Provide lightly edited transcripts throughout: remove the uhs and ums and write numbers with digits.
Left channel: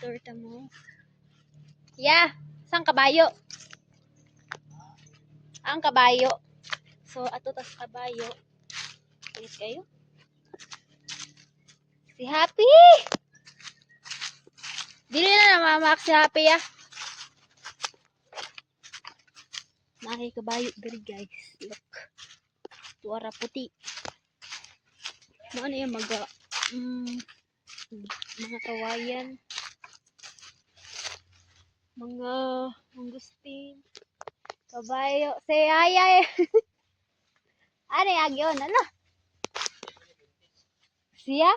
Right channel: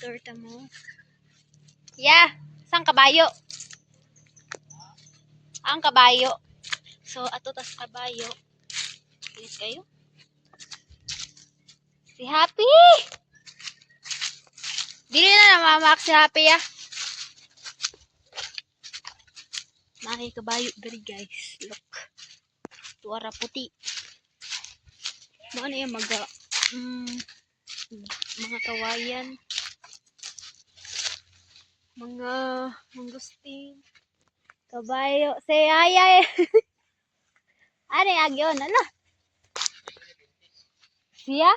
torta mo. Yeah, sang kabayo. Ang kabayo. So, ato tas kabayo. Kinis kayo. Si Happy! Dili na namamak si Happy ah. Nakikabayo diri guys. Look. Tuara puti. Ano yung mga kawayan. Mga mangustin. Kabayo. Say ay. Ano yung agyon? Ano? Siya?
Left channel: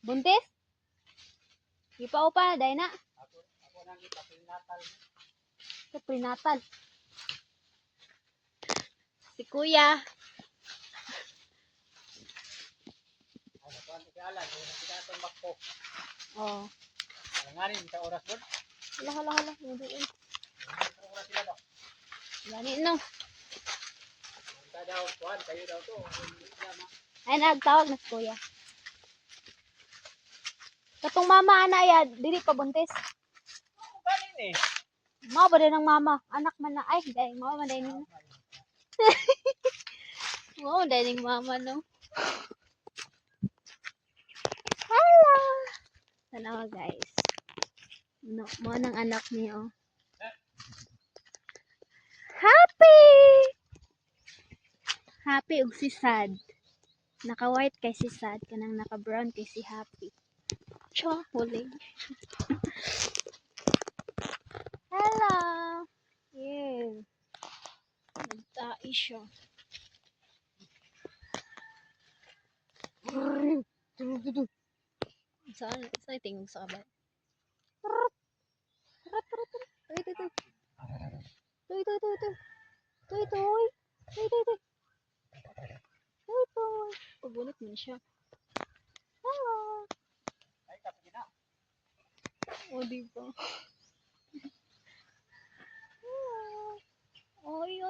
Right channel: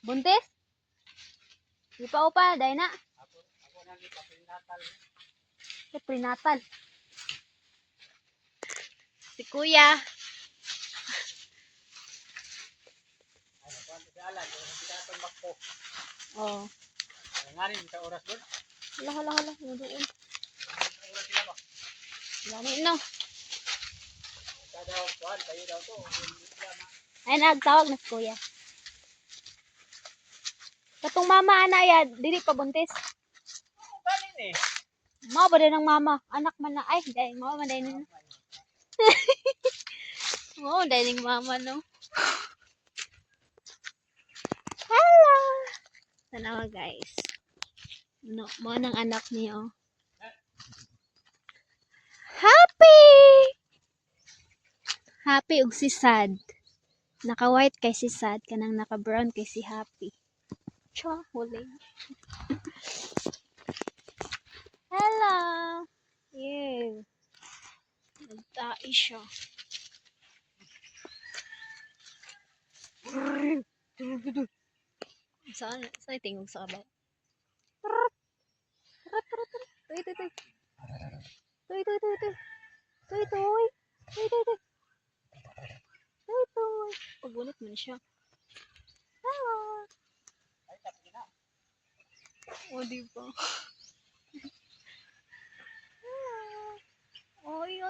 Buntis? Di pa upa. Dahil na. Ako nang kita prenatal. Prenatal. Si Kuya. Oh. Nganin sa oras doon. Hala. Nandoon. Gani no. Daw kuan kayo daw to. Ay nagtawag na si Kuya. Katong mama ana ya, dili pa buntis. Kanin eh. Mao ba din ang mama? Anak man na. Ay, dahil mama man dahil. Oo, dahil mama no. Hello! Tanawa guys. No, mo nang anak niyo. Happy! Happy ug si Sad. Naka-white kay si Sad, kanang naka-brown kay si Happy. Cha, huli. Hello! Yeah. Nagtai siya. Saan tingog sa kabat? Tuy. Pagunit man siya. Hello. Ay tapos na. O diba? Hello. Oy.